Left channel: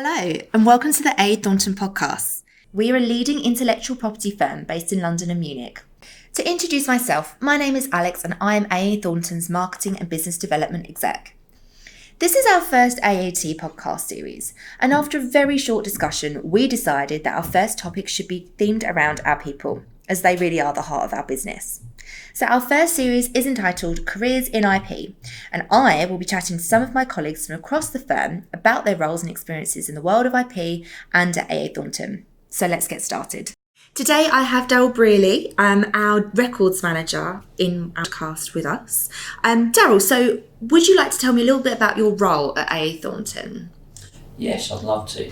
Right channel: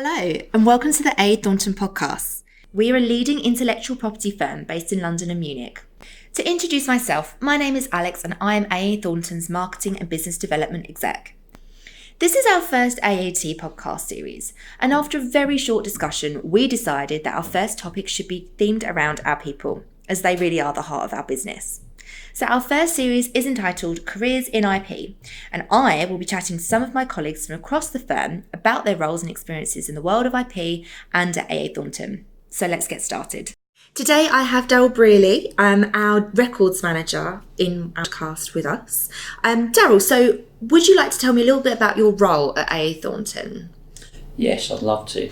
Hello, and welcome to the AA Thornton podcast. We are a leading intellectual property firm based in London and Munich. To introduce myself, my name is Alex and I am AA Thornton's Marketing and Business Development Exec. This is our first AAT podcast series, and after a very short discussion, we decided that our first topic should be themed around our people, as they really are the heart of our business. So our first series is entitled Careers in IP, and I will be chatting to some of my colleagues from across the firm about their roles and experiences in the world of IP and at AA Thornton. So let's get started. Today I have Darrell Brierley, our records manager in our cast with us. Darrell, so would you like to tell me a little bit about your role at AA Thornton? Yes, I'd love to.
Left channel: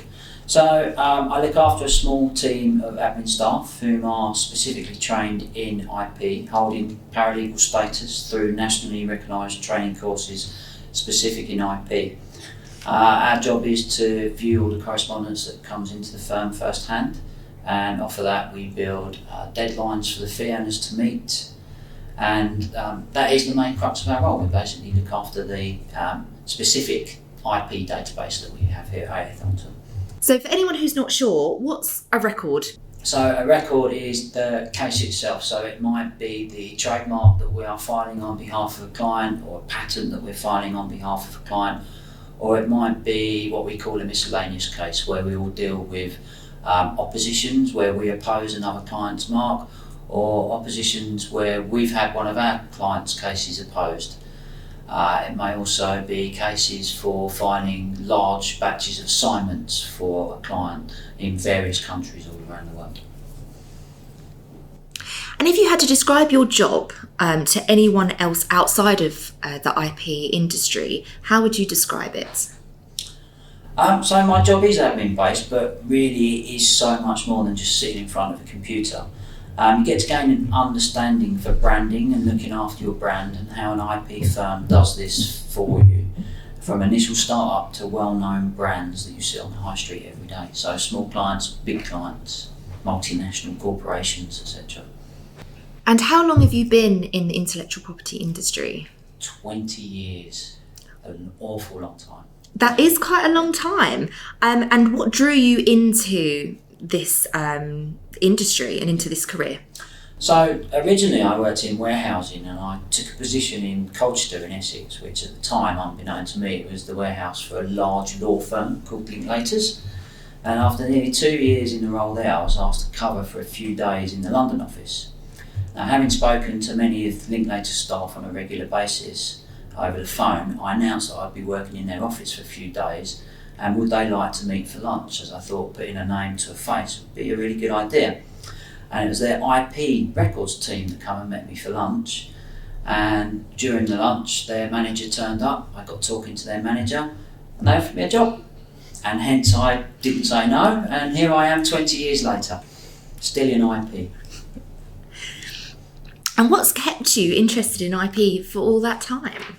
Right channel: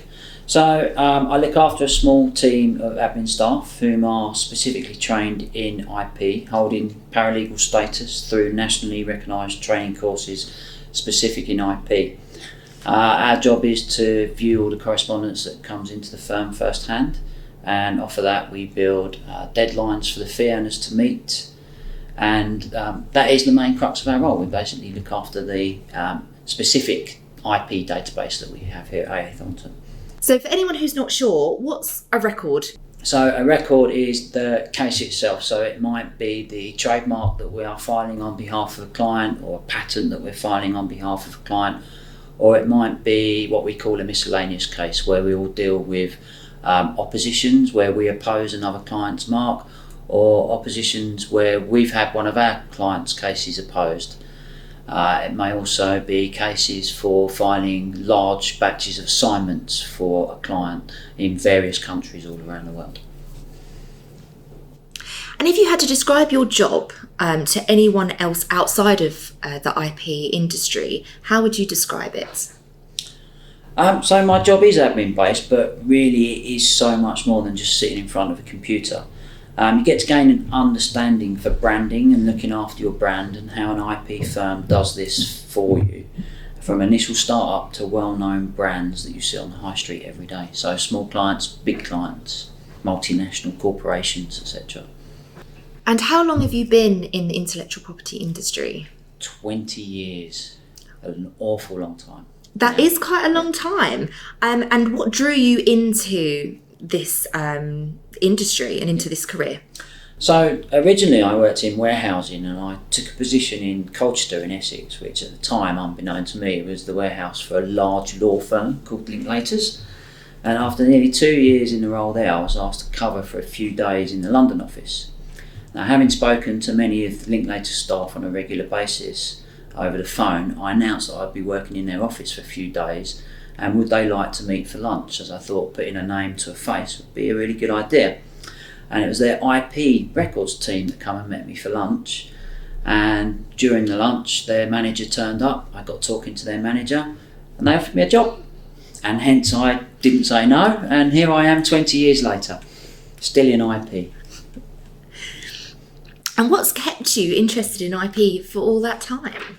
So I look after a small team of admin staff whom are specifically trained in IP, holding paralegal status through nationally recognised training courses specific in IP. Our job is to view all the correspondence that comes into the firm firsthand, and off of that we build deadlines for the fee owners to meet, and that is the main crux of our role. We basically look after the specific IP database that we have here at AA Thornton. So for anyone who's not sure, what's a record? So a record is the case itself. So it might be the trademark that we are filing on behalf of a client, or a patent that we're filing on behalf of a client, or it might be what we call a miscellaneous case, where we will deal with oppositions where we oppose another client's mark, or oppositions where we've had one of our clients' cases opposed. It may also be cases for filing large batches of assignments for a client in various countries all around the world. And if you had to describe your job to anyone else outside of the IP industry, how would you describe it? So my job is admin based, but really it is so much more than just sitting in front of a computer. You get to gain an understanding for branding and looking after your brand, and how an IP firm does this for you, from initial start-up to well-known brands that you see on the high street every day. So small clients, big clients, multinational corporations, etc. And how long have you been in the intellectual property industry? 20 years, an awful long time. That is quite a long time. And what drew you into this industry and into this career? So originally I worked in warehousing, and I took a position in Colchester in Essex, which at the time, unbeknown to me, was the warehouse for a large law firm called Linklaters. And after nearly 2 years in the role there, I was asked to cover for a few days in the London office. Now, having spoken to many of Linklaters staff on a regular basis over the phone, I announced that I'd be working in their office for a few days, and would they like to meet for lunch, as I thought putting a name to a face would be a really good idea. And it was their IP records team that come and met me for lunch, and during the lunch their manager turned up. I got talking to their manager and they offered me a job, and hence I didn't say no, and here I am 20 years later, still in IP. And what's kept you interested in IP for all that time?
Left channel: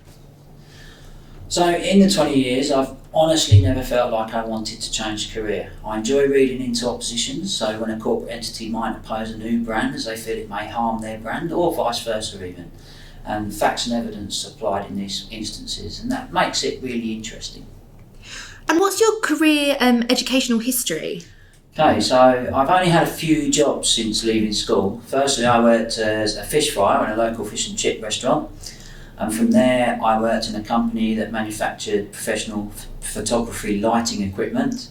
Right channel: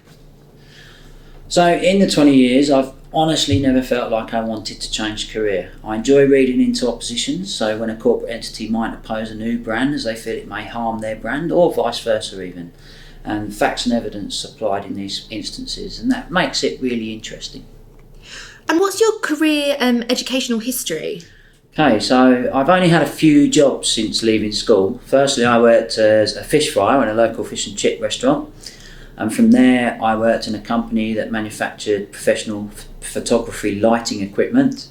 So in the 20 years, I've honestly never felt like I wanted to change career. I enjoy reading into oppositions, so when a corporate entity might oppose a new brand as they feel it may harm their brand, or vice versa even, and facts and evidence applied in these instances, and that makes it really interesting. And what's your career educational history? Okay, so I've only had a few jobs since leaving school. Firstly, I worked as a fish fryer in a local fish and chip restaurant. And from there, I worked in a company that manufactured professional photography lighting equipment.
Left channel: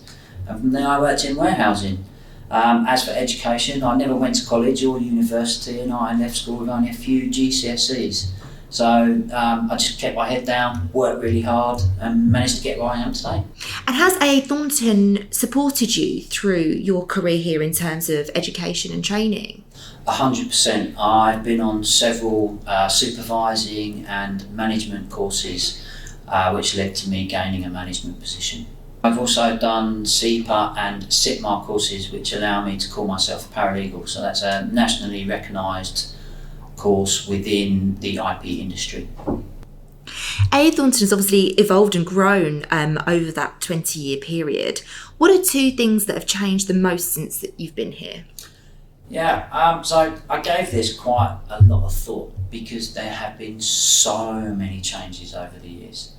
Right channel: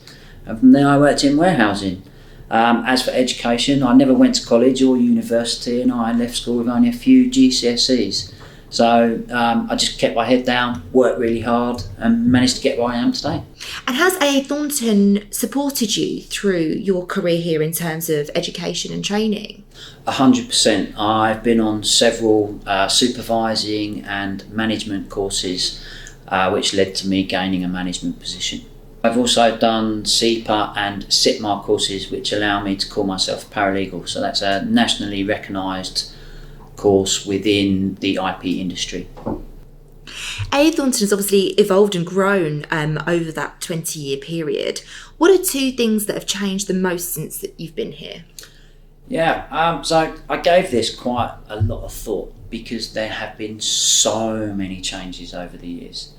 And from there, I worked in warehousing. As for education, I never went to college or university, and I left school with only a few GCSEs. So I just kept my head down, worked really hard, and managed to get where I am today. And has AA Thornton supported you through your career here in terms of education and training? 100%. I've been on several supervising and management courses, which led to me gaining a management position. I've also done CIPA and CITMA courses, which allow me to call myself a paralegal. So that's a nationally recognised course within the IP industry. AA Thornton has obviously evolved and grown over that 20-year period. What are two things that have changed the most since that you've been here? Yeah, so I gave this quite a lot of thought, because there have been so many changes over the years.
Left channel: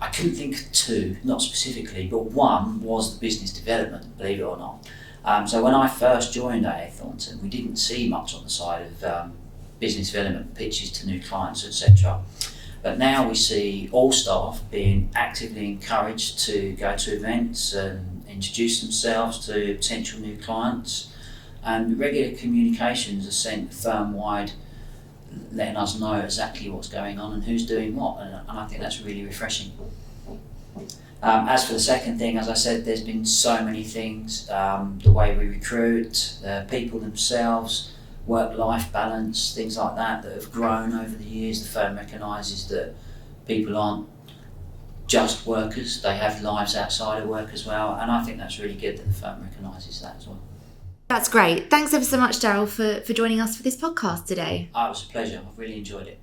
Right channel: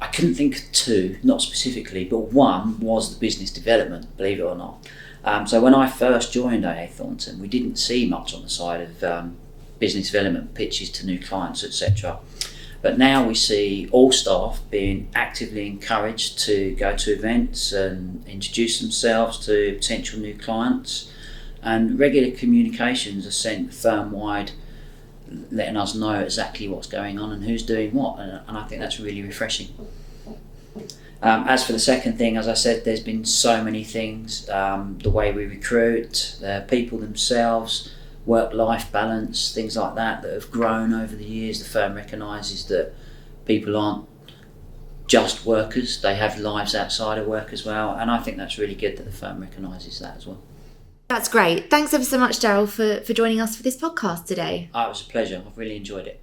I couldn't think of two, not specifically, but one was the business development, believe it or not. So when I first joined AA Thornton, we didn't see much on the side of business development, pitches to new clients, etc. But now we see all staff being actively encouraged to go to events and introduce themselves to potential new clients, and regular communications are sent firm-wide, letting us know exactly what's going on and who's doing what, and I think that's really refreshing. As for the second thing, as I said, there's been so many things, the way we recruit, people themselves, work-life balance, things like that have grown over the years. The firm recognises that people aren't just workers, they have lives outside of work as well, and I think that's really good that the firm recognises that as well. That's great. Thanks ever so much, Darrell, for joining us for this podcast today. It was a pleasure. I've really enjoyed it.